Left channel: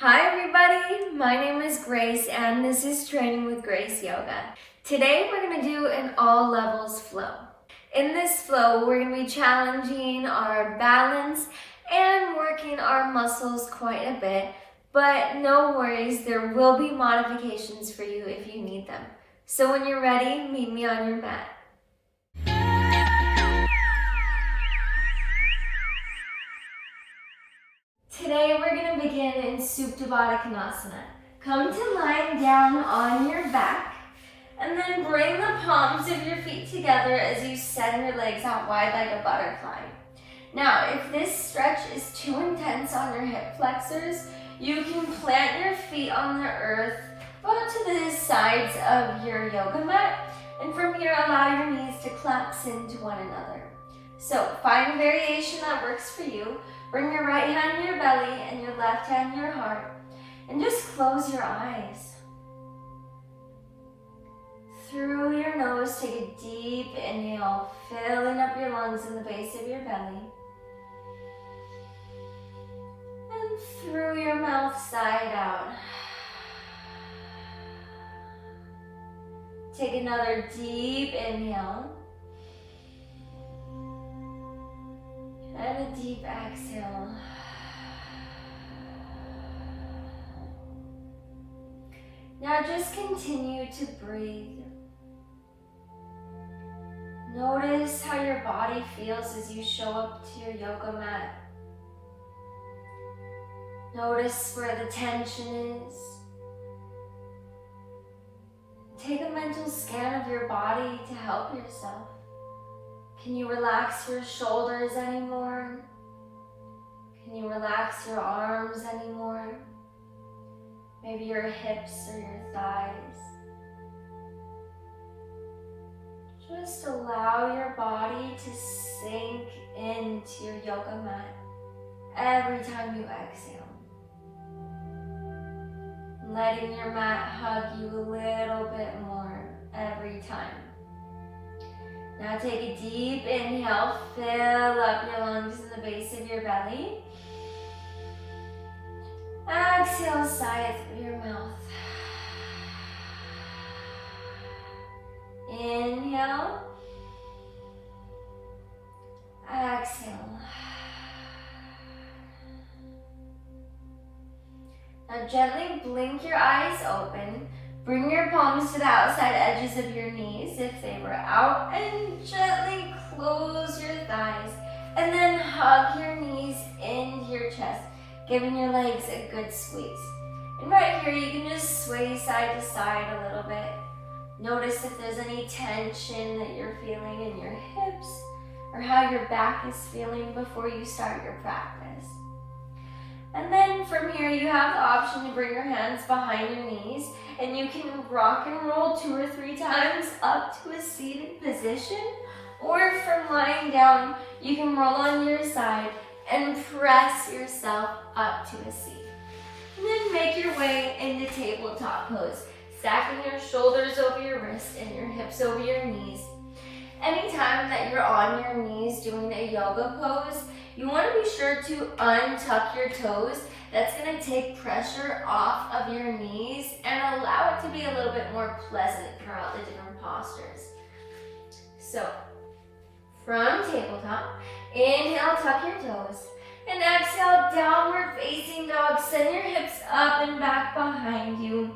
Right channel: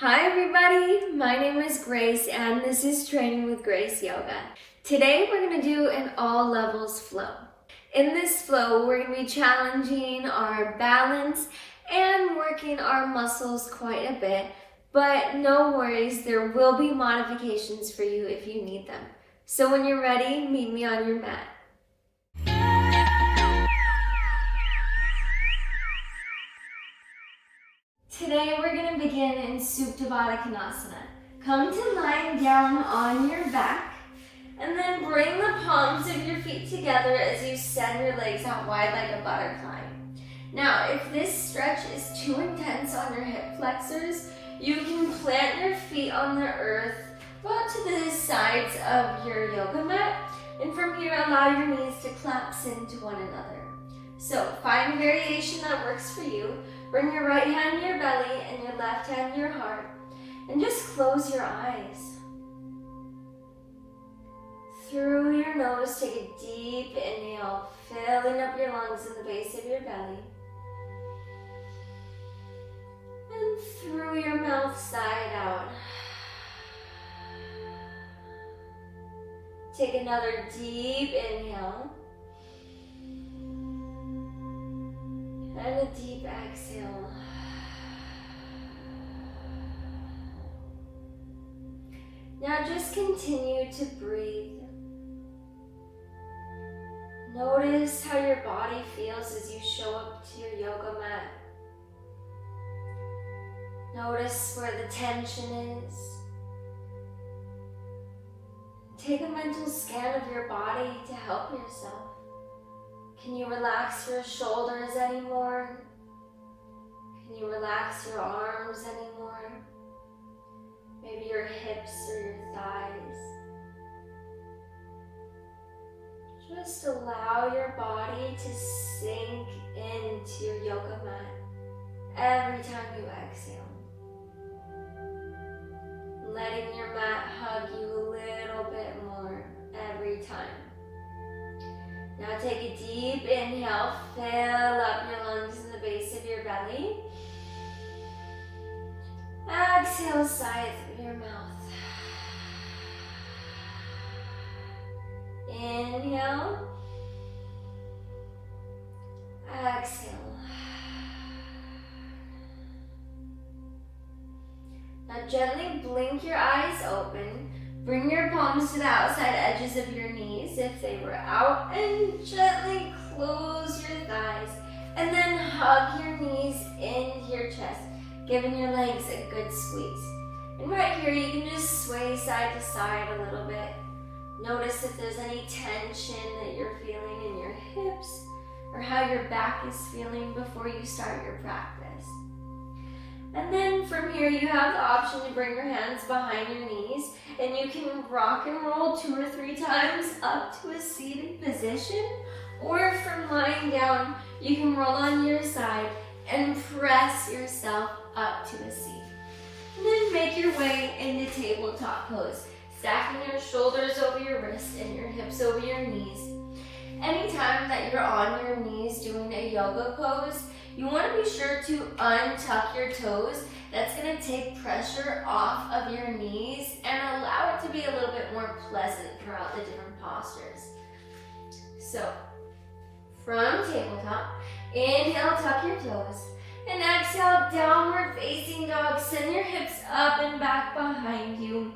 Hi everybody, my name is Grace and this is Training with Grace Yoga. Today we're going to do an all levels flow. In this flow we're going to be challenging our balance and working our muscles quite a bit, but no worries, there will be modifications for you if you need them. So when you're ready, meet me on your mat. Today we're going to begin in Supta Baddha Konasana. Come to lying down on your back and then bring the palms of your feet together as you send your legs out wide like a butterfly. Now, if this stretch is too intense on your hip flexors, you can plant your feet on the earth about to the sides of your yoga mat, and from here allow your knees to collapse into one another. So find a variation that works for you. Bring your right hand to your belly and your left hand to your heart, and just close your eyes. Through your nose, take a deep inhale, filling up your lungs in the base of your belly. And through your mouth, side out. Take another deep inhale. And a deep exhale. Now just continue to breathe. Notice how your body feels as you show up to your yoga mat. Notice where the tension is. Take a mental scan of your body to help yourself. Can you relax your shoulders anymore? Can you relax your arms anymore? Maybe your hips or your thighs. Just allow your body to sink into your yoga mat every time you exhale. Letting your mat hug you a little bit more every time. Now take a deep inhale, fill up your lungs in the base of your belly. Exhale, sigh it through your mouth. Inhale. Exhale. Now gently blink your eyes open. Bring your palms to the outside edges of your knees if they were out, and gently close your thighs. And then hug your knees into your chest, giving your legs a good squeeze. And right here, you can just sway side to side a little bit. Notice if there's any tension that you're feeling in your hips or how your back is feeling before you start your practice. And then from here, you have the option to bring your hands behind your knees, and you can rock and roll 2 or 3 times up to a seated position, or from lying down, you can roll on your side and press yourself up to a seat. And then make your way into tabletop pose, stacking your shoulders over your wrists and your hips over your knees. Anytime that you're on your knees doing a yoga pose, you want to be sure to untuck your toes. That's going to take pressure off of your knees and allow it to be a little bit more pleasant throughout the different postures. So, from tabletop, inhale, tuck your toes. And exhale, downward facing dog. Send your hips up and back behind you.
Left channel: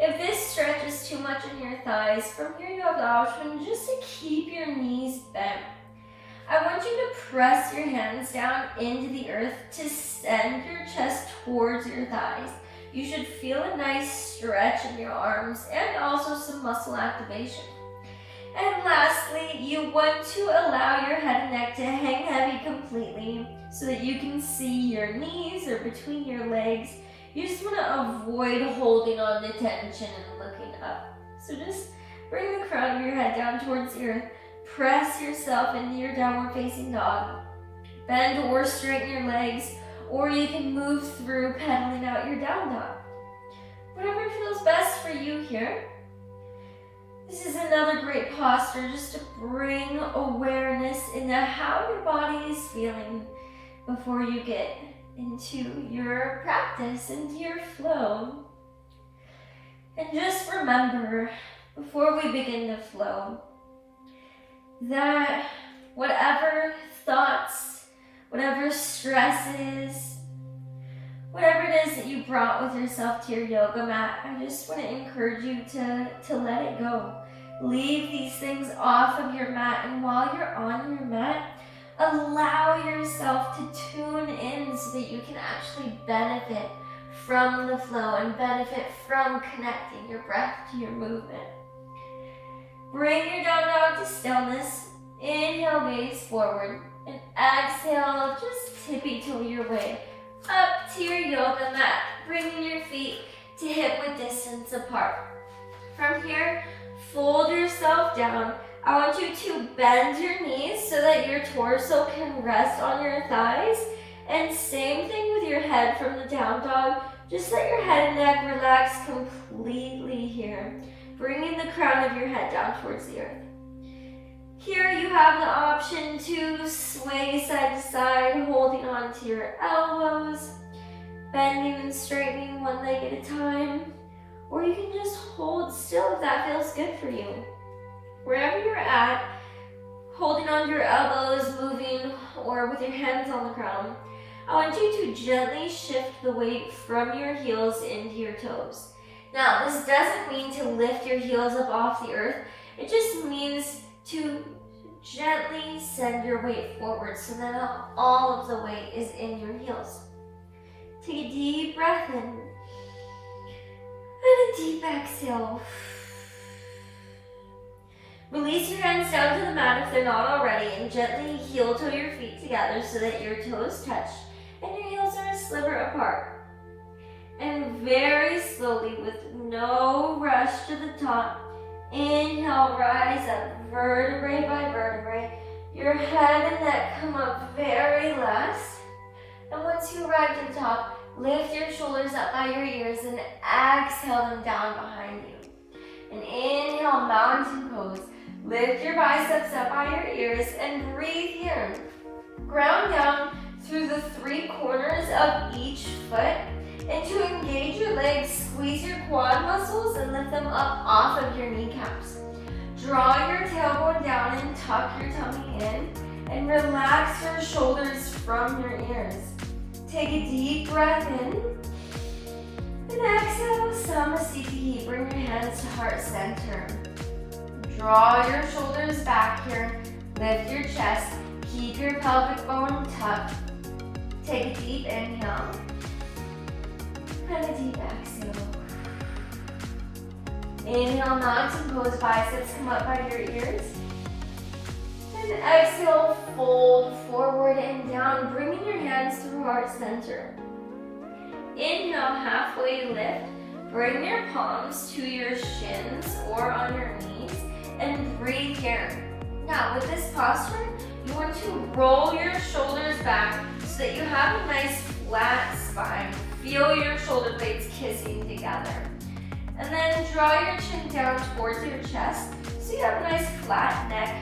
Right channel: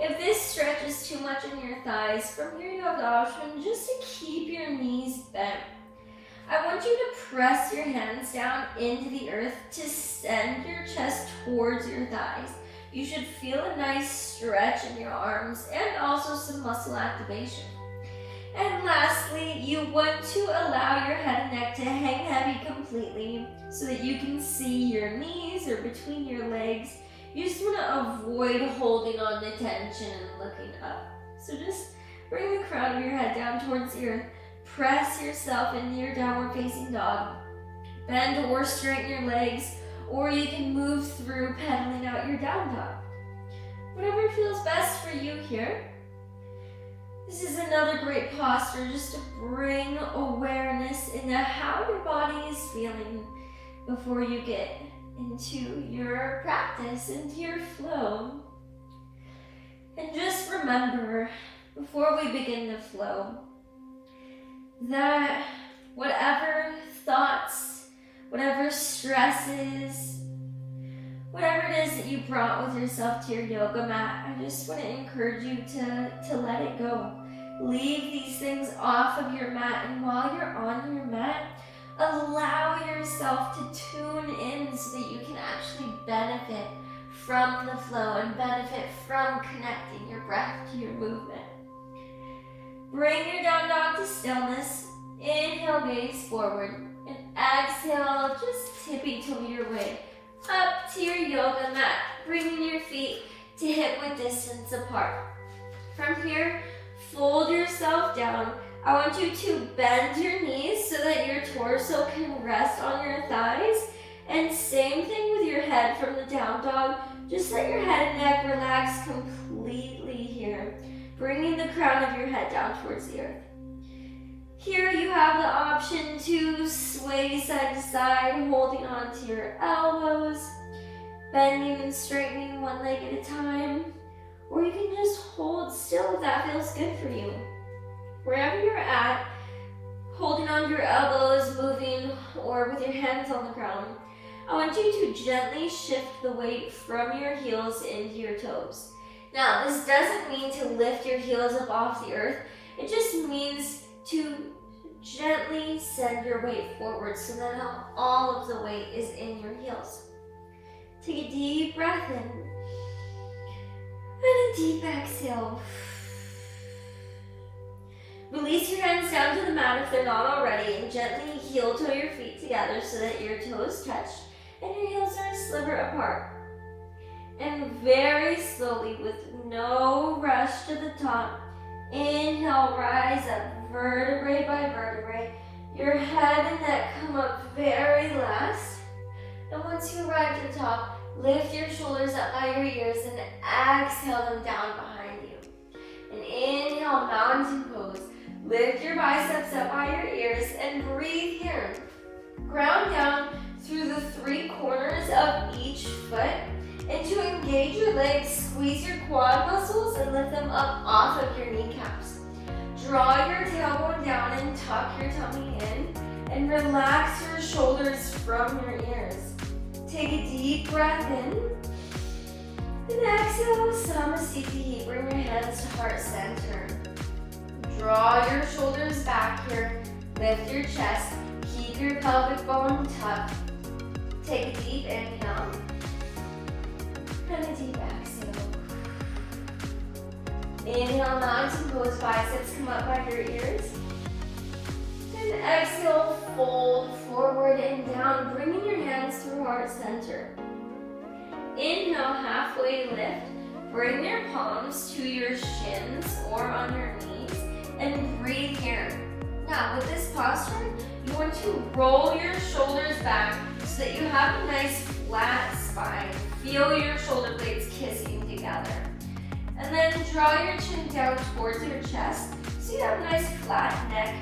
If this stretch is too much in your thighs, from here you have the option just to keep your knees bent. I want you to press your hands down into the earth to send your chest towards your thighs. You should feel a nice stretch in your arms and also some muscle activation. And lastly, you want to allow your head and neck to hang heavy completely so that you can see your knees or between your legs. You just want to avoid holding on to tension and looking up. So just bring the crown of your head down towards the earth. Press yourself into your downward facing dog. Bend or straighten your legs, or you can move through pedaling out your down dog. Whatever feels best for you here. This is another great posture just to bring awareness into how your body is feeling before you get into your practice, into your flow. And just remember, before we begin the flow, that whatever thoughts, whatever stresses, whatever it is that you brought with yourself to your yoga mat, I just want to encourage you to let it go. Leave these things off of your mat, and while you're on your mat, allow yourself to tune in so that you can actually benefit from the flow and benefit from connecting your breath to your movement. Bring your down dog to stillness. Inhale, gaze forward, and exhale, just tippy-toe your way up to your yoga mat, bringing your feet to hip-width distance apart. From here, fold yourself down. I want you to bend your knees so that your torso can rest on your thighs. And same thing with your head from the down dog. Just let your head and neck relax completely here, bringing the crown of your head down towards the earth. Here you have the option to sway side to side, holding on to your elbows, bending and straightening one leg at a time, or you can just hold still if that feels good for you. Wherever you're at, holding on to your elbows, moving, or with your hands on the ground, I want you to gently shift the weight from your heels into your toes. Now, this doesn't mean to lift your heels up off the earth. It just means to gently send your weight forward so that all of the weight is in your heels. Take a deep breath in and a deep exhale. Release your hands down to the mat if they're not already, and gently heel-toe your feet together so that your toes touch and your heels are a sliver apart. And very slowly, with no rush to the top, inhale, rise up vertebrae by vertebrae. Your head and neck come up very last. And once you arrive to the top, lift your shoulders up by your ears and exhale them down behind you. And inhale, mountain pose. Lift your biceps up by your ears and breathe here. Ground down through the three corners of each foot. And to engage your legs, squeeze your quad muscles and lift them up off of your kneecaps. Draw your tailbone down and tuck your tummy in. And relax your shoulders from your ears. Take a deep breath in. And exhale, Samasthiti. Bring your hands to heart center. Draw your shoulders back here. Lift your chest. Keep your pelvic bone tucked. Take a deep inhale. And a deep exhale. Inhale, mountain pose, biceps come up by your ears. And exhale, fold forward and down, bringing your hands through heart center. Inhale, halfway lift. Bring your palms to your shins or on your knees and breathe here. Now, with this posture, you want to roll your shoulders back so that you have a nice flat spine. Feel your shoulder blades kissing together. And then draw your chin down towards your chest so you have a nice flat neck.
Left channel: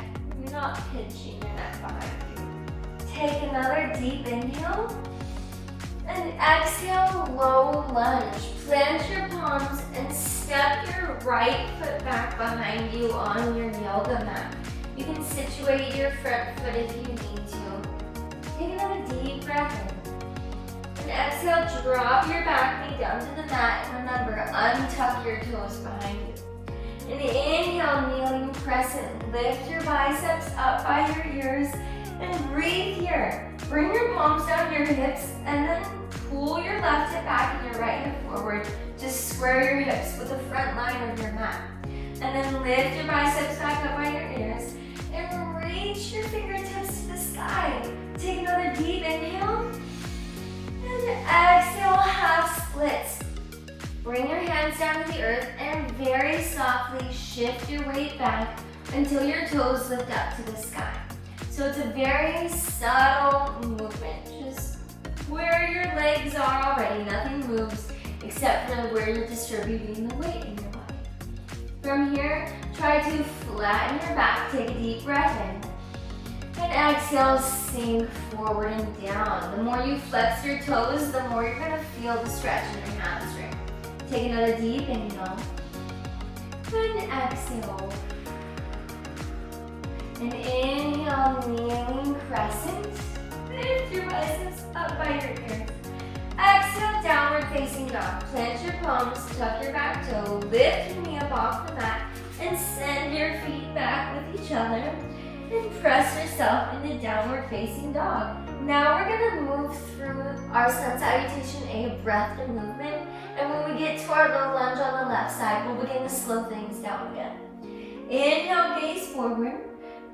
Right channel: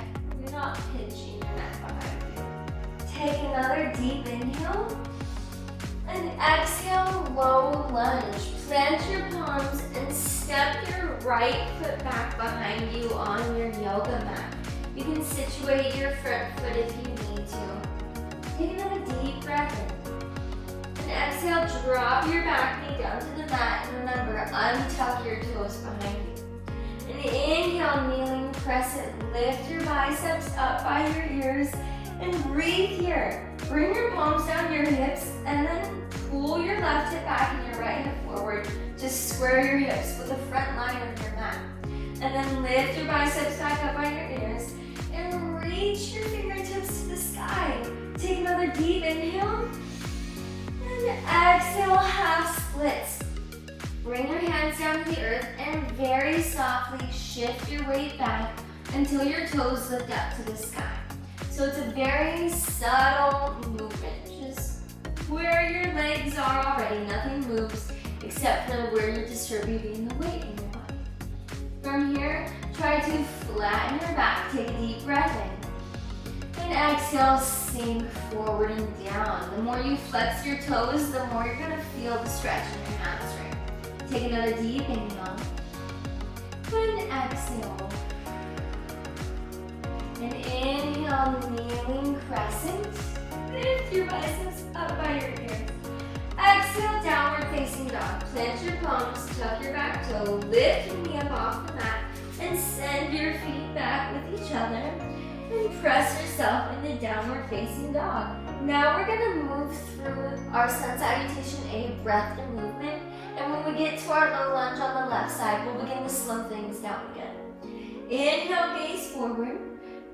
You're not pinching your neck behind you. Take another deep inhale. And exhale, low lunge. Plant your palms and step your right foot back behind you on your yoga mat. You can situate your front foot if you need to. Take another deep breath in. And exhale, drop your back knee down to the mat. And remember, untuck your toes behind you. And inhale, kneeling crescent. Lift your biceps up by your ears. And breathe here. Bring your palms down to your hips. And then pull your left hip back and your right hip forward. Just square your hips with the front line of your mat. And then lift your biceps back up by your ears. And reach your fingertips to the sky. Take another deep inhale. And exhale, half splits. Bring your hands down to the earth and very softly shift your weight back until your toes lift up to the sky. So it's a very subtle movement. Just where your legs are already, nothing moves except for where you're distributing the weight in your body. From here, try to flatten your back. Take a deep breath in. And exhale, sink forward and down. The more you flex your toes, the more you're gonna feel the stretch in your hamstring. Take another deep inhale. And exhale. And inhale, kneeling crescent. Lift your biceps up by your ears. Exhale, downward facing dog. Plant your palms, tuck your back toe, lift your knee up off the mat, and send your feet back with each other. And press yourself into downward facing dog. Now we're gonna move through our sun salutation, a breath and movement. And when we get to our low lunge on the left side, we'll begin to slow things down again. Inhale, gaze forward.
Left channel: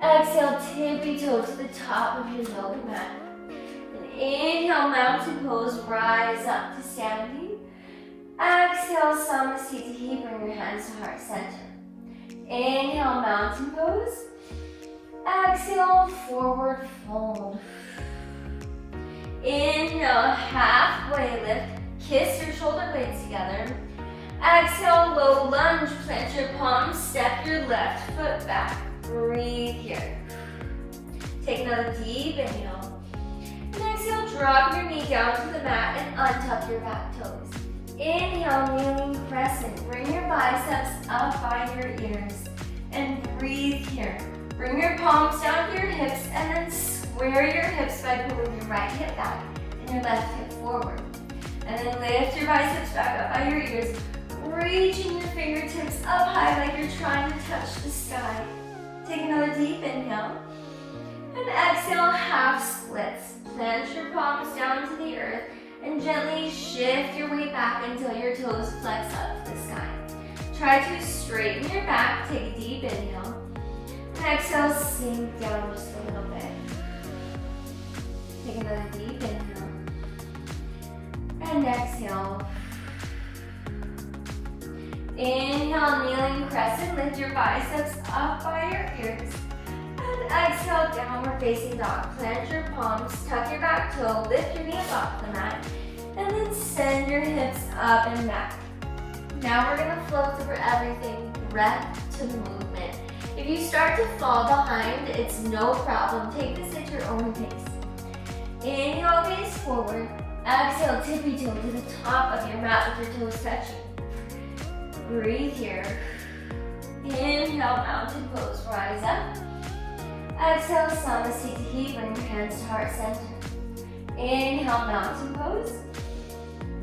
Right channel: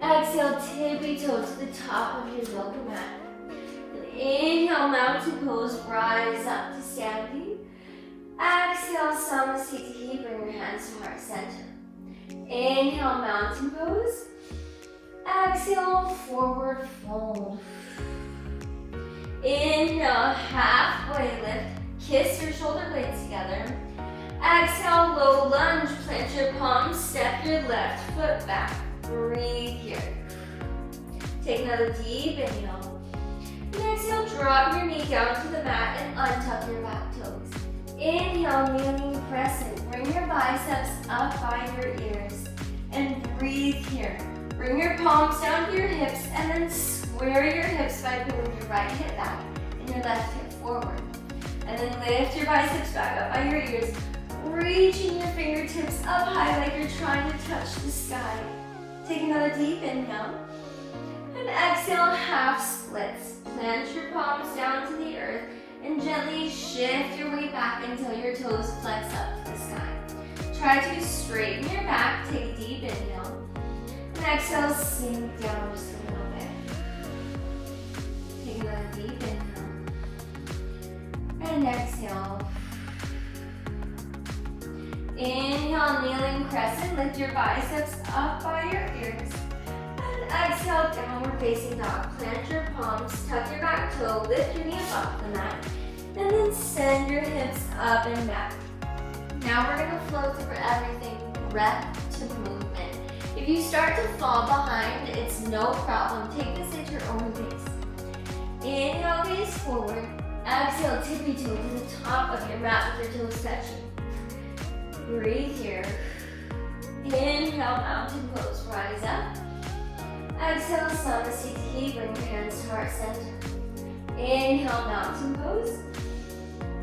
Exhale, tippy toe to the top of your yoga mat. And inhale, mountain pose, rise up to standing. Exhale, samasthiti, bring your hands to heart center. Inhale, mountain pose. Exhale, forward fold. Inhale, halfway lift. Kiss your shoulder blades together. Exhale, low lunge. Plant your palms. Step your left foot back. Breathe here. Take another deep inhale. And exhale, drop your knee down to the mat and untuck your back toes. Inhale, kneeling crescent. Bring your biceps up by your ears. And breathe here. Bring your palms down to your hips and then square your hips by pulling your right hip back and your left hip forward. And then lift your biceps back up by your ears, reaching your fingertips up high like you're trying to touch the sky. Take another deep inhale. And exhale, half splits. Plant your palms down to the earth and gently shift your weight back until your toes flex up to the sky. Try to straighten your back. Take a deep inhale. And exhale, sink down just a little bit. Take another deep inhale. And exhale. Inhale, kneeling crescent. Lift your biceps up by your ears. And exhale, downward facing dog. Plant your palms, tuck your back toe, lift your knee up off the mat, and then send your hips up and back. Now we're gonna flow through everything, breath to movement. If you start to fall behind, it's no problem. Take this at your own pace. Inhale, gaze forward. Exhale, tippy toe to the top of your mat with your toes touching. Breathe here. Inhale, mountain pose, rise up. Exhale, samasthiti, bring your hands to heart center. Inhale, mountain pose.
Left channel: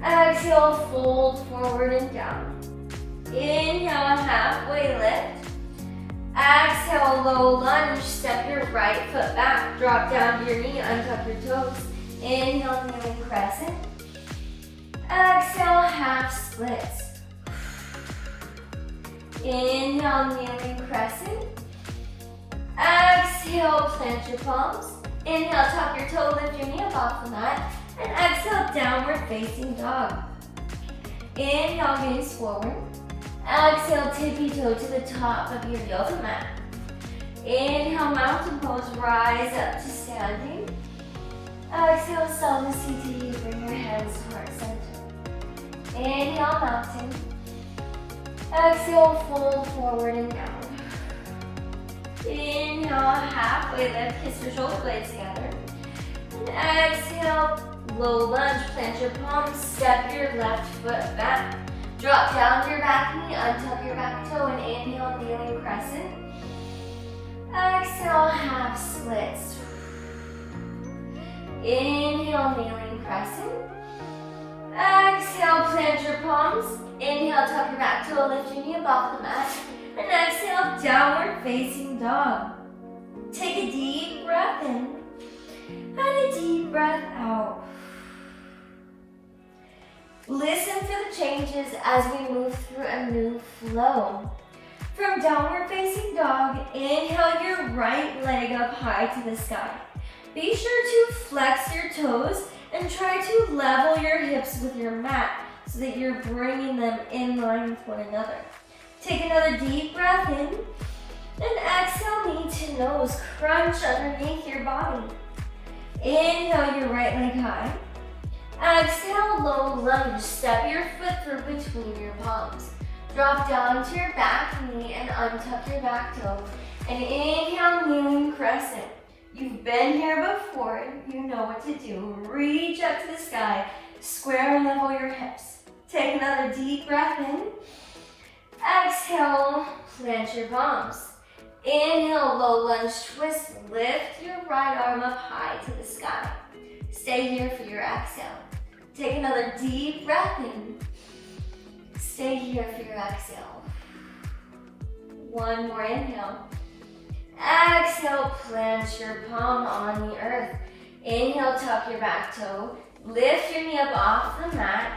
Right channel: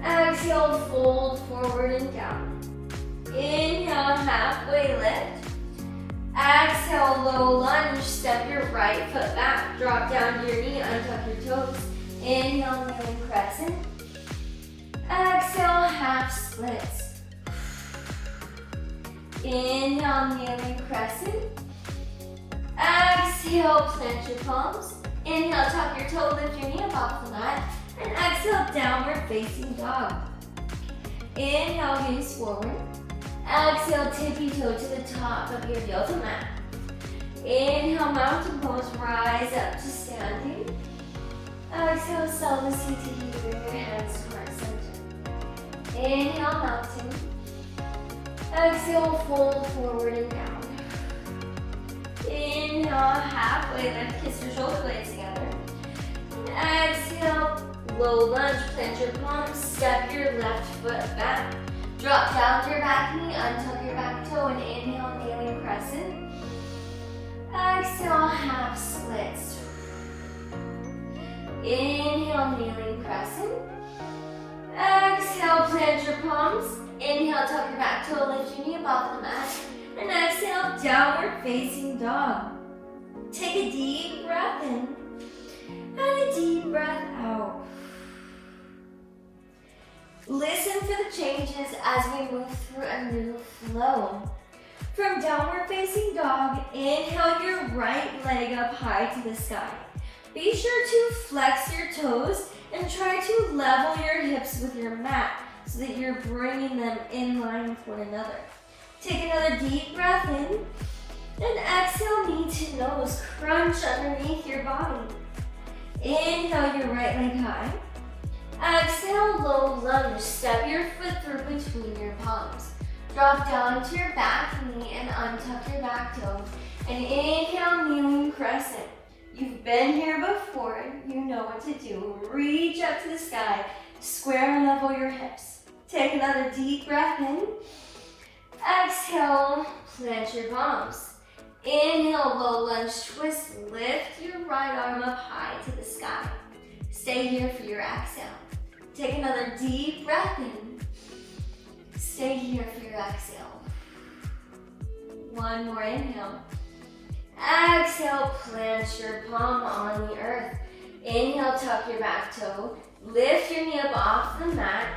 Exhale, fold forward and down. Inhale, halfway lift. Exhale, low lunge, step your right foot back, drop down to your knee, untuck your toes. Inhale, kneeling crescent. Exhale, half splits. Inhale, kneeling crescent. Exhale, plant your palms. Inhale, tuck your toe, lift your knee up off the mat. And exhale, downward facing dog. Inhale, gaze forward. Exhale, tippy toe to the top of your yoga mat. Inhale, mountain pose, rise up to standing. Exhale, samasthiti, bring your hands to heart center. Inhale, mountain. Exhale, fold forward and down. Inhale, halfway lift, kiss your shoulder blades together. And exhale, low lunge, plant your palms, step your left foot back. Drop down to your back knee, untuck your back toe, and inhale, kneeling crescent. Exhale, half splits. Inhale, kneeling crescent. Exhale, plant your palms. Inhale, tuck your back toe, lift your knee up off the mat. And exhale, downward facing dog. Take a deep breath in and a deep breath out. Listen for the changes as we move through a new flow. From downward facing dog, inhale your right leg up high to the sky. Be sure to flex your toes and try to level your hips with your mat so that you're bringing them in line with one another. Take another deep breath in and exhale, knee to nose, crunch underneath your body. Inhale your right leg high. Exhale, low lunge, step your foot through between your palms. Drop down to your back knee and untuck your back toes. And inhale, kneeling crescent. You've been here before, you know what to do. Reach up to the sky, square and level your hips. Take another deep breath in. Exhale, plant your palms. Inhale, low lunge twist. Lift your right arm up high to the sky. Stay here for your exhale. Take another deep breath in. Stay here for your exhale. One more inhale. Exhale, plant your palm on the earth. Inhale, tuck your back toe. Lift your knee up off the mat.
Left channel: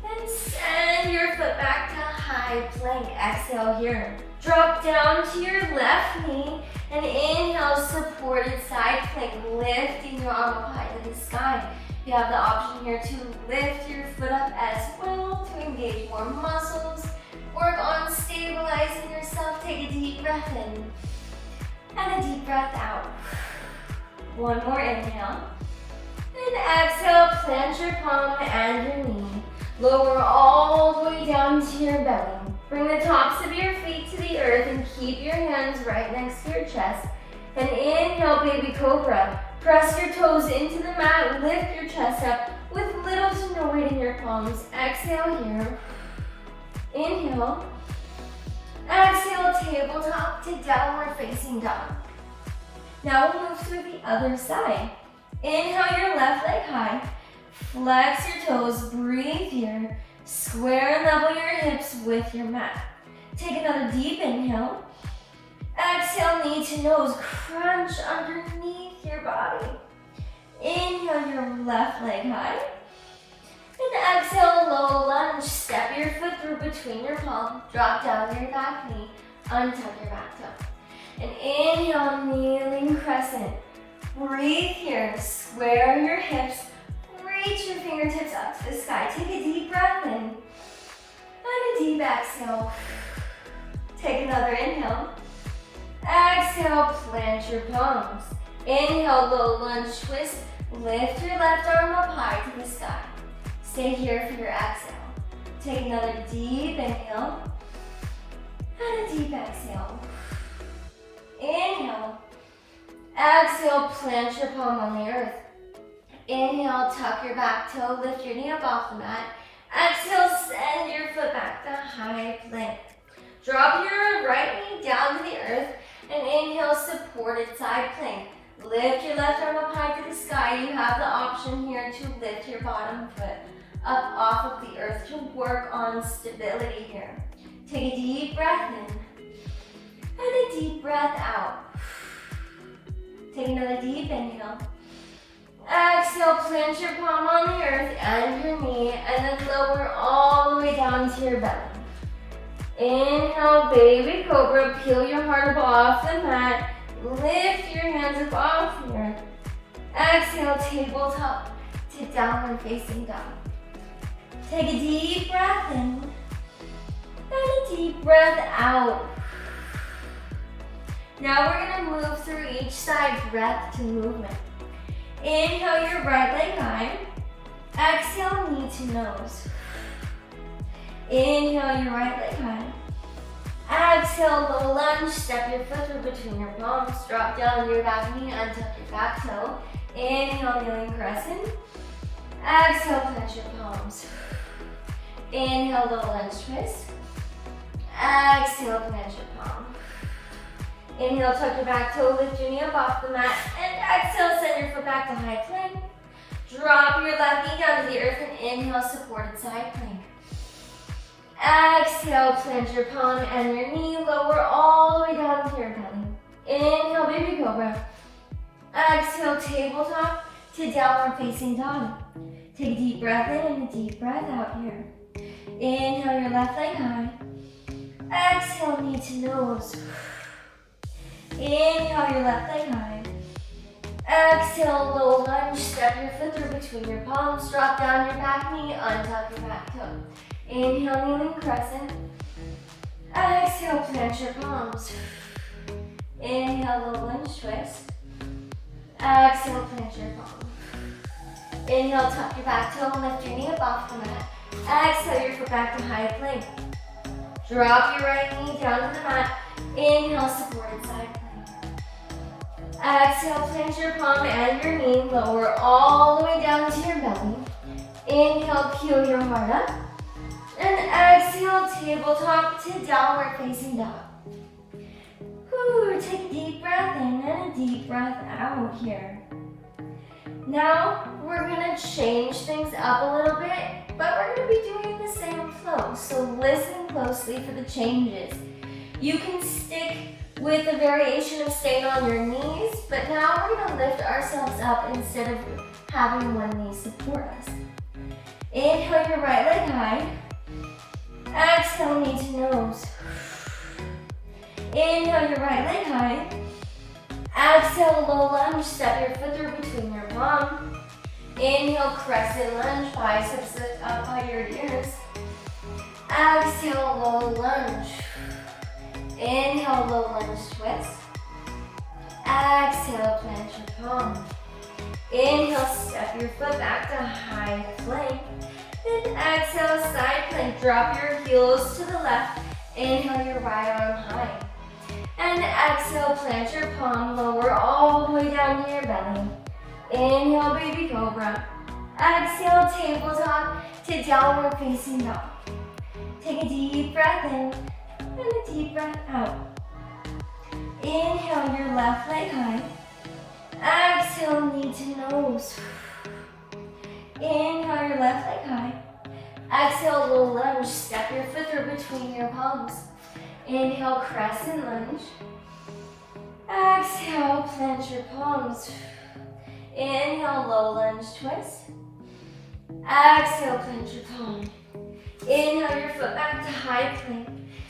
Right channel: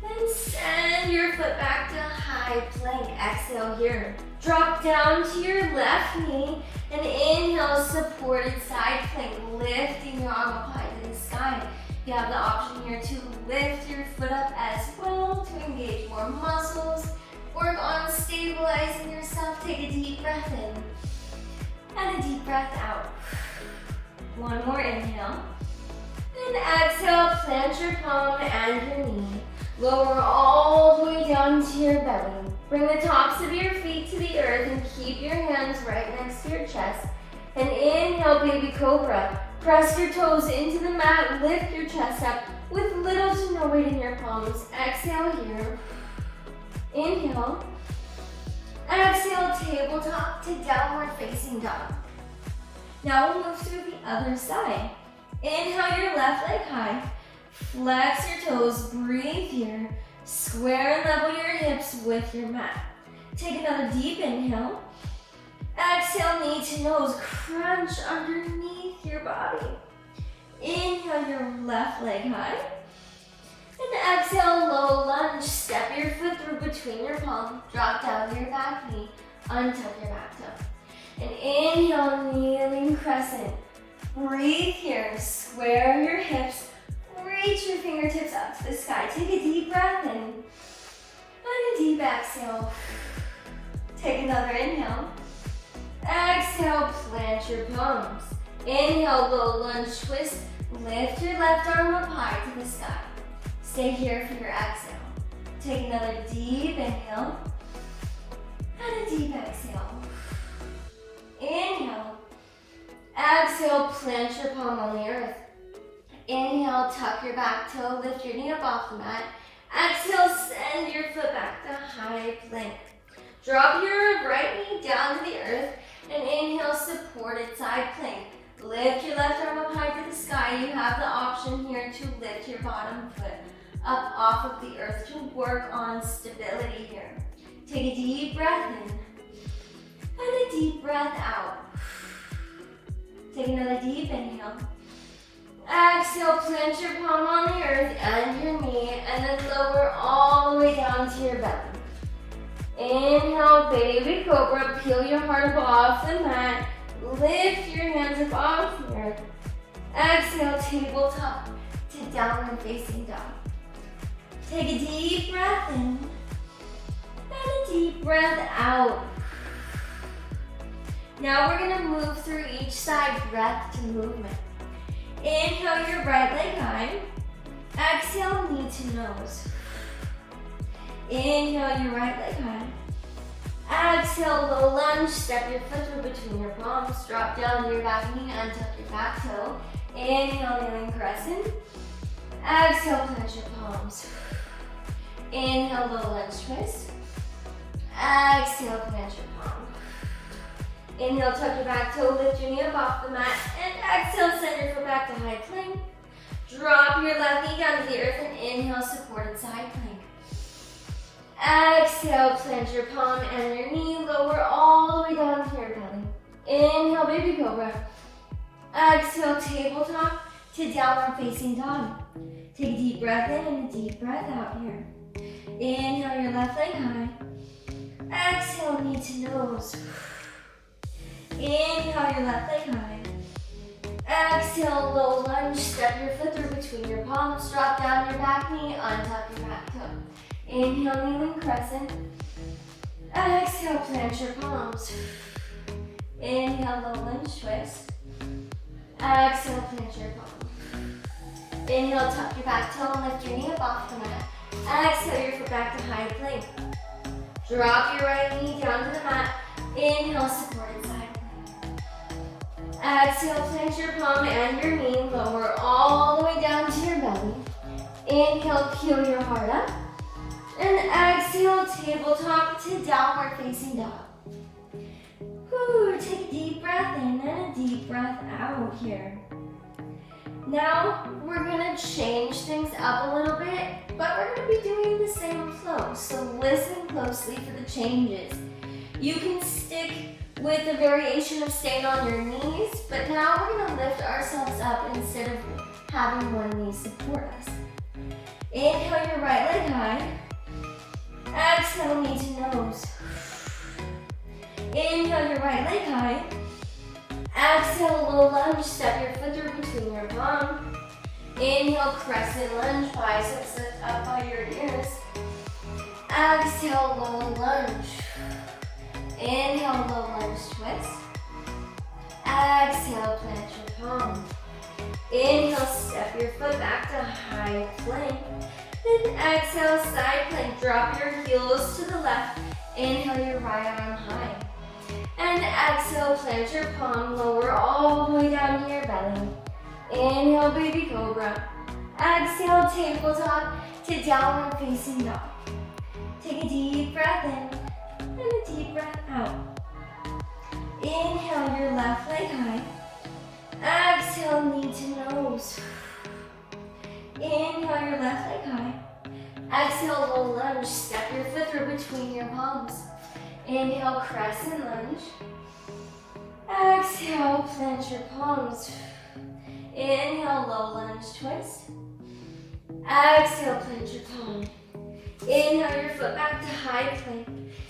Then send your foot back to high plank. Exhale here. Drop down to your left knee. And inhale, supported side plank. Lifting your arm up high to the sky. You have the option here to lift your foot up as well to engage more muscles. Work on stabilizing yourself. Take a deep breath in. And a deep breath out. One more inhale. And exhale, plant your palm and your knee. Lower all the way down to your belly. Bring the tops of your feet to the earth and keep your hands right next to your chest. And inhale, baby cobra. Press your toes into the mat, lift your chest up with little to no weight in your palms. Exhale here. Inhale. Exhale, tabletop to downward facing dog. Now we'll move through the other side. Inhale your left leg high. Flex your toes, breathe here. Square and level your hips with your mat. Take another deep inhale. Exhale, knee to nose, crunch underneath your body. Inhale your left leg high. And exhale, low lunge. Step your foot through between your palms. Drop down to your back knee. Untuck your back toe. And inhale, kneeling crescent. Breathe here. Square your hips. Reach your fingertips up to the sky. Take a deep breath in. And a deep exhale. Take another inhale. Exhale, plant your palms. Inhale, low lunge twist. Lift your left arm up high to the sky. Stay here for your exhale. Take another deep inhale. And a deep exhale. Inhale. Exhale, plant your palm on the earth. Inhale, tuck your back toe, lift your knee up off the mat. Exhale, send your foot back to high plank. Drop your right knee down to the earth and inhale, supported side plank. Lift your left arm up high to the sky. You have the option here to lift your bottom foot up off of the earth to work on stability here. Take a deep breath in and a deep breath out. Take another deep inhale. Exhale, plant your palm on the earth and your knee, and then lower all the way down to your belly. Inhale, baby cobra, peel your heart up off the mat. Lift your hands up off the earth. Exhale, tabletop to downward facing dog. Take a deep breath in and a deep breath out. Now we're gonna move through each side, breath to movement. Inhale your right leg high. Exhale, knee to nose. Inhale your right leg high. Exhale, low lunge. Step your foot through between your palms. Drop down to your back knee and tuck your back toe. Inhale, kneeling crescent. Exhale, plant your palms. Inhale, low lunge twist. Exhale, plant your palm. Inhale, tuck your back toe, lift your knee up off the mat, and exhale, send your foot back to high plank. Drop your left knee down to the earth and inhale, supported side plank. Exhale, plant your palm and your knee, lower all the way down to your belly. Inhale, baby cobra. Exhale, tabletop to downward facing dog. Take a deep breath in and a deep breath out here. Inhale your left leg high. Exhale, knee to nose. Inhale your left leg high. Exhale, low lunge. Step your foot through between your palms. Drop down your back knee. Untuck your back toe. Inhale, kneeling crescent. Exhale, plant your palms. Inhale, low lunge twist. Exhale, plant your palm. Inhale, tuck your back toe and lift your knee up off the mat. Exhale your foot back to high plank. Drop your right knee down to the mat. Inhale, supported side plank. Exhale, plant your palm and your knee, lower all the way down to your belly. Inhale, peel your heart up. And exhale, tabletop to downward facing dog. Whew, take a deep breath in and a deep breath out here. Now, we're gonna change things up a little bit, but we're gonna be doing the same flow, so listen closely for the changes. You can stick with a variation of staying on your knees, but now we're gonna lift ourselves up instead of having one knee support us. Inhale your right leg high. Exhale, knee to nose. Inhale your right leg high. Exhale, low lunge, step your foot through between your palm. Inhale, crescent lunge, biceps lift up by your ears. Exhale, low lunge. Inhale, low lunge twist. Exhale, plant your palm. Inhale, step your foot back to high plank. And exhale, side plank. Drop your heels to the left. Inhale your right arm high. And exhale, plant your palm, lower all the way down to your belly. Inhale, baby cobra. Exhale, tabletop to downward facing dog. Take a deep breath in and a deep breath out. Inhale your left leg high. Exhale, knee to nose. Inhale your left leg high. Exhale, low lunge. Step your foot through between your palms. Inhale, crescent lunge. Exhale, plant your palms. Inhale, low lunge twist. Exhale, plant your palm. Inhale your foot back to high plank.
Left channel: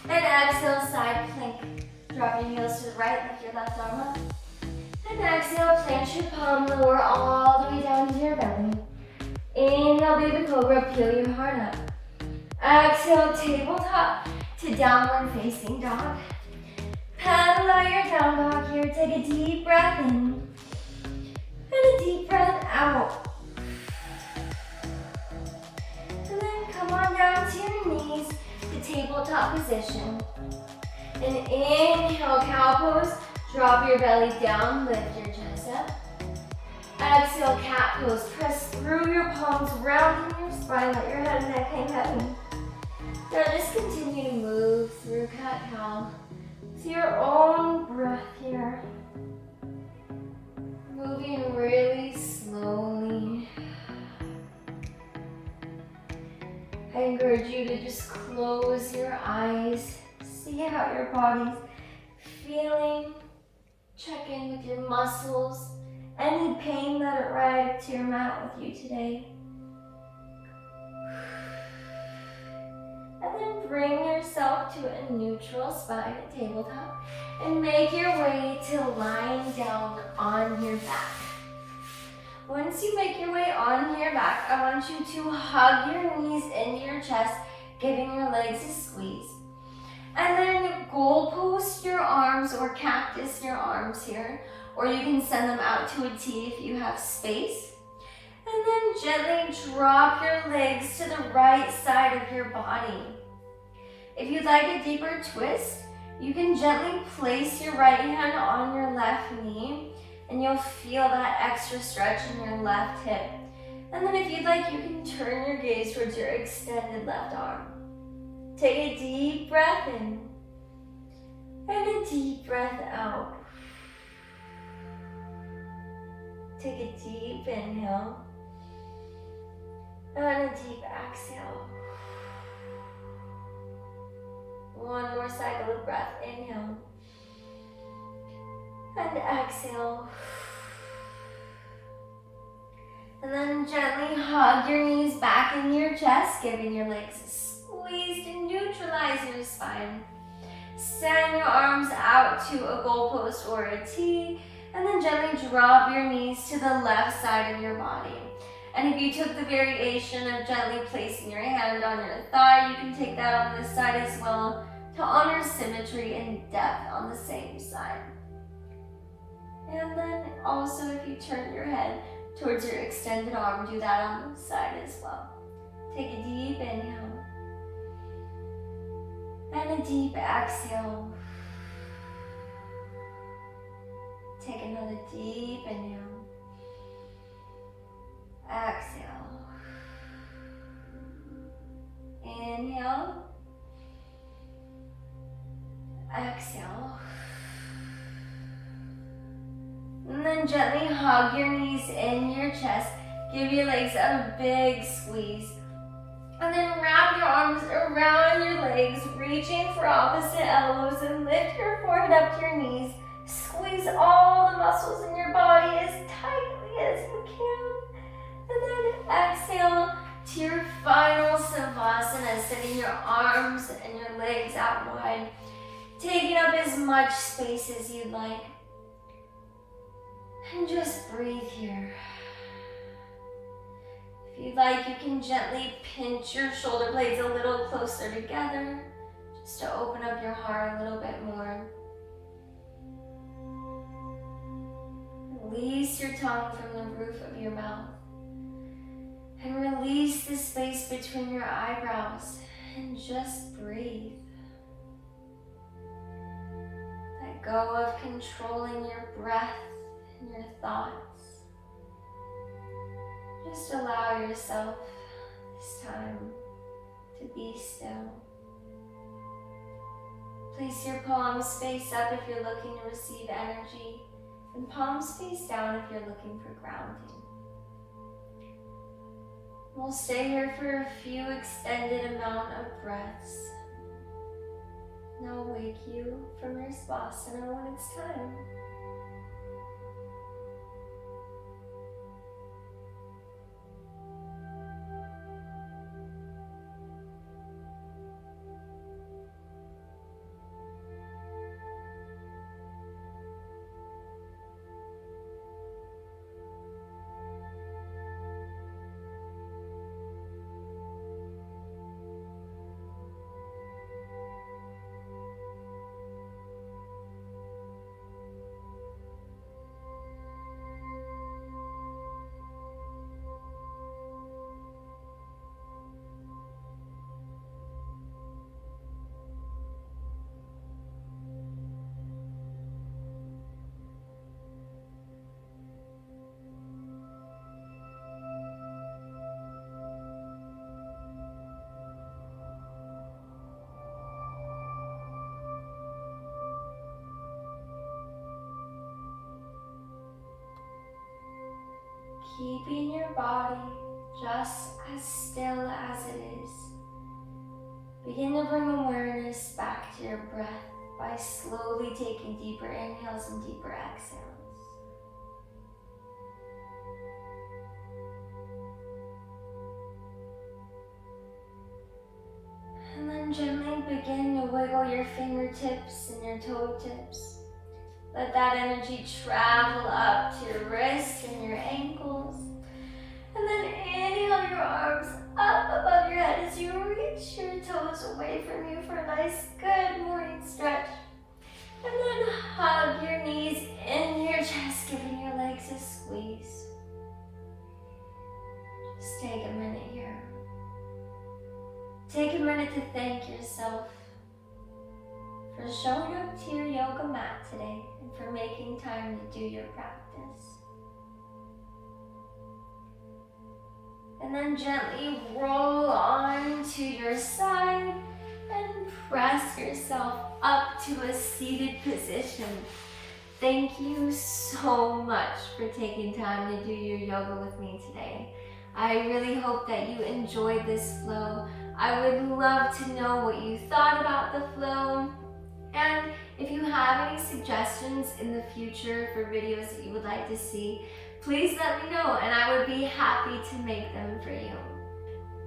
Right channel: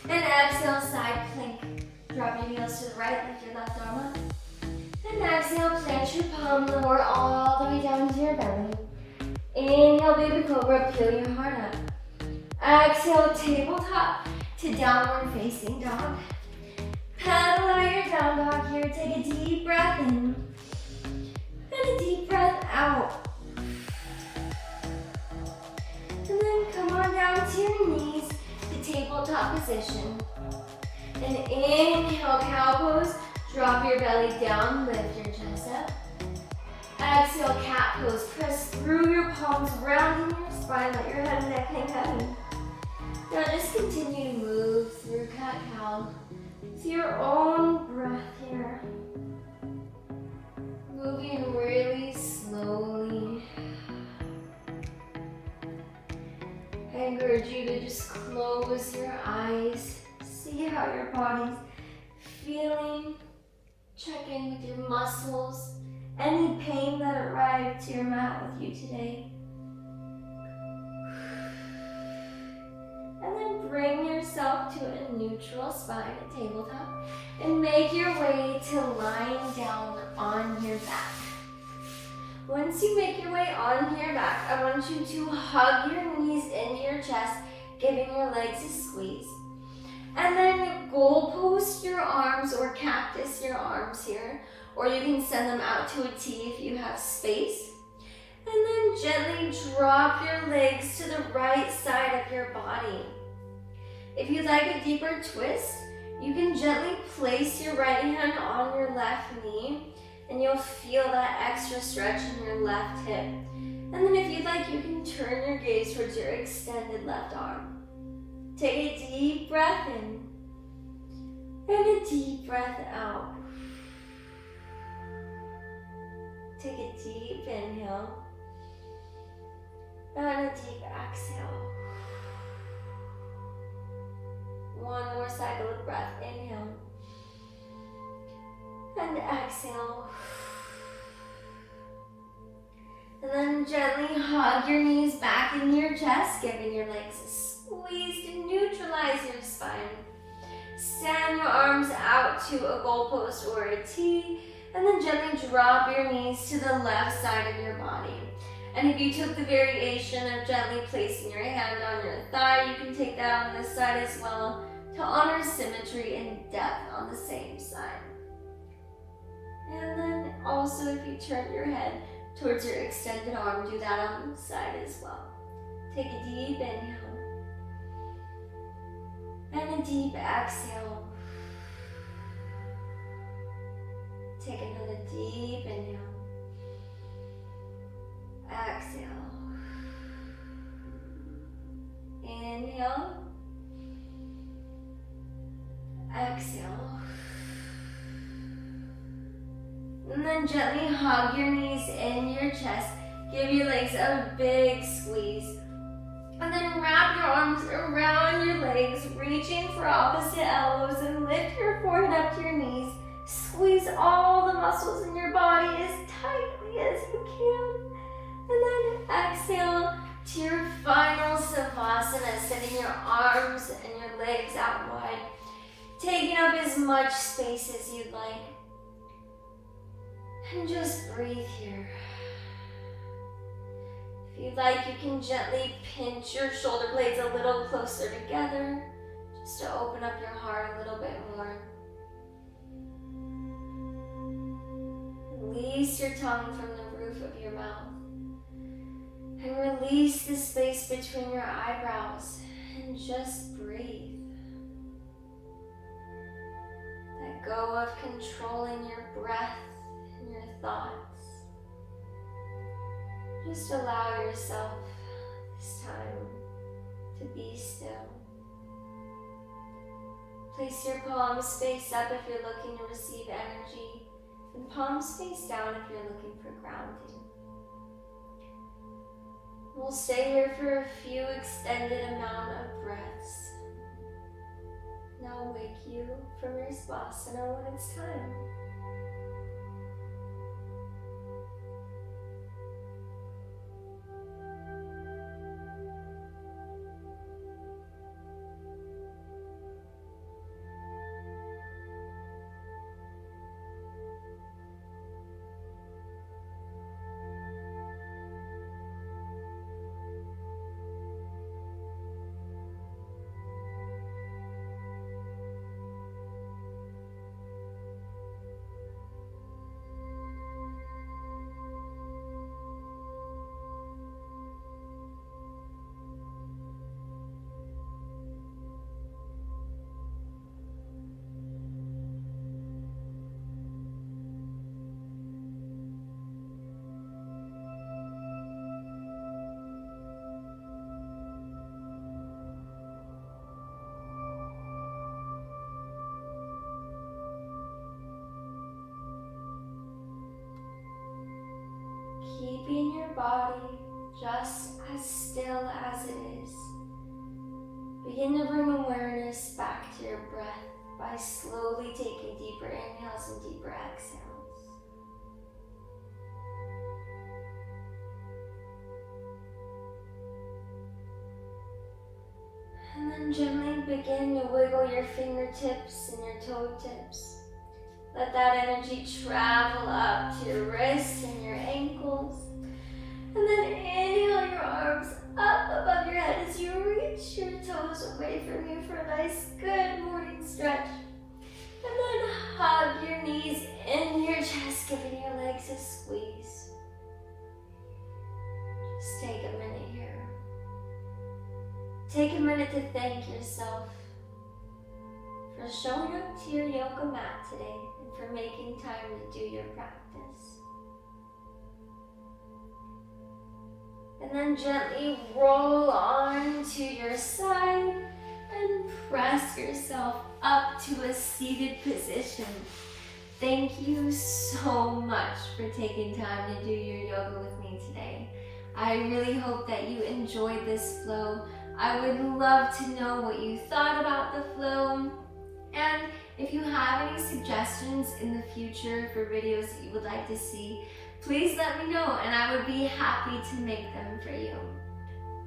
And exhale, side plank. Drop your heels to the right, lift your left arm up. And exhale, plant your palm, lower all the way down to your belly. Inhale, baby cobra, peel your heart up. Exhale, tabletop to downward facing dog. Pedal out your down dog here. Take a deep breath in and a deep breath out. And then come on down to your knees to tabletop position. And inhale, cow pose. Drop your belly down, lift your chest up. Exhale, cat pose. Press through your palms, rounding your spine, let your head and neck hang heavy. Now just continue to move through cat-cow with your own breath here. Moving really slowly. I encourage you to just close your eyes. See how your body's feeling. Check in with your muscles. Any pain that arrived to your mat with you today. And then bring yourself to a neutral spine at tabletop and make your way to lying down on your back. Once you make your way onto your back, I want you to hug your knees into your chest, giving your legs a squeeze. And then goalpost your arms or cactus your arms here, or you can send them out to a T if you have space. And then gently drop your legs to the right side of your body. If you'd like a deeper twist, you can gently place your right hand on your left knee and you'll feel that extra stretch in your left hip. And then if you'd like, you can turn your gaze towards your extended left arm. Take a deep breath in and a deep breath out. Take a deep inhale and a deep exhale. One more cycle of breath. Inhale and exhale. And then gently hug your knees back in your chest, giving your legs a squeeze to neutralize your spine. Send your arms out to a goalpost or a T, and then gently drop your knees to the left side of your body. And if you took the variation of gently placing your hand on your thigh, you can take that on this side as well to honor symmetry and depth on the same side. And then also if you turn your head towards your extended arm, do that on this side as well. Take a deep inhale and a deep exhale. take another deep inhale. Exhale. Inhale. Exhale. And then gently hug your knees in your chest. Give your legs a big squeeze. And then wrap your arms around your legs, reaching for opposite elbows, and lift your forehead up to your knees. Squeeze all the muscles in your body as tightly as you can. And then exhale to your final Savasana, sending your arms and your legs out wide, taking up as much space as you'd like. And just breathe here. If you'd like, you can gently pinch your shoulder blades a little closer together, just to open up your heart a little bit more. Release your tongue from the roof of your mouth. And release the space between your eyebrows. And just breathe. Let go of controlling your breath and your thoughts. Just allow yourself this time to be still. Place your palms face up if you're looking to receive energy, and palms face down if you're looking for grounding. We'll stay here for a few extended amount of breaths. And I'll wake you from your Savasana when it's time. Keeping your body just as still as it is. Begin to bring awareness back to your breath by slowly taking deeper inhales and deeper exhales. And then gently begin to wiggle your fingertips and your toe tips. Let that energy travel up to your wrists and your ankles. And then inhale your arms up above your head as you reach your toes away from you for a nice, good morning stretch. And then hug your knees in your chest, giving your legs a squeeze. Just take a minute here. Take a minute to thank yourself for showing up to your yoga mat today and for making time to do your practice. And then gently roll onto your side and press yourself up to a seated position. Thank you so much for taking time to do your yoga with me today. I really hope that you enjoyed this flow. I would love to know what you thought about the flow. And if you have any suggestions in the future for videos that you would like to see, please let me know and I would be happy to make them for you.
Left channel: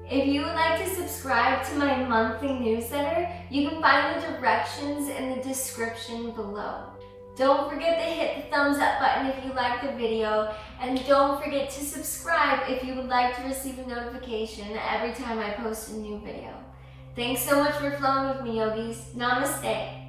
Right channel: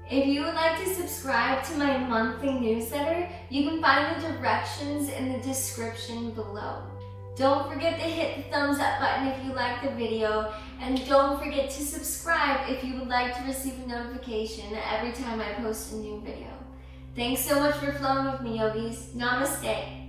If you would like to subscribe to my monthly newsletter, you can find the directions in the description below. Don't forget to hit the thumbs up button if you like the video, and don't forget to subscribe if you would like to receive a notification every time I post a new video. Thanks so much for flowing with me, yogis. Namaste.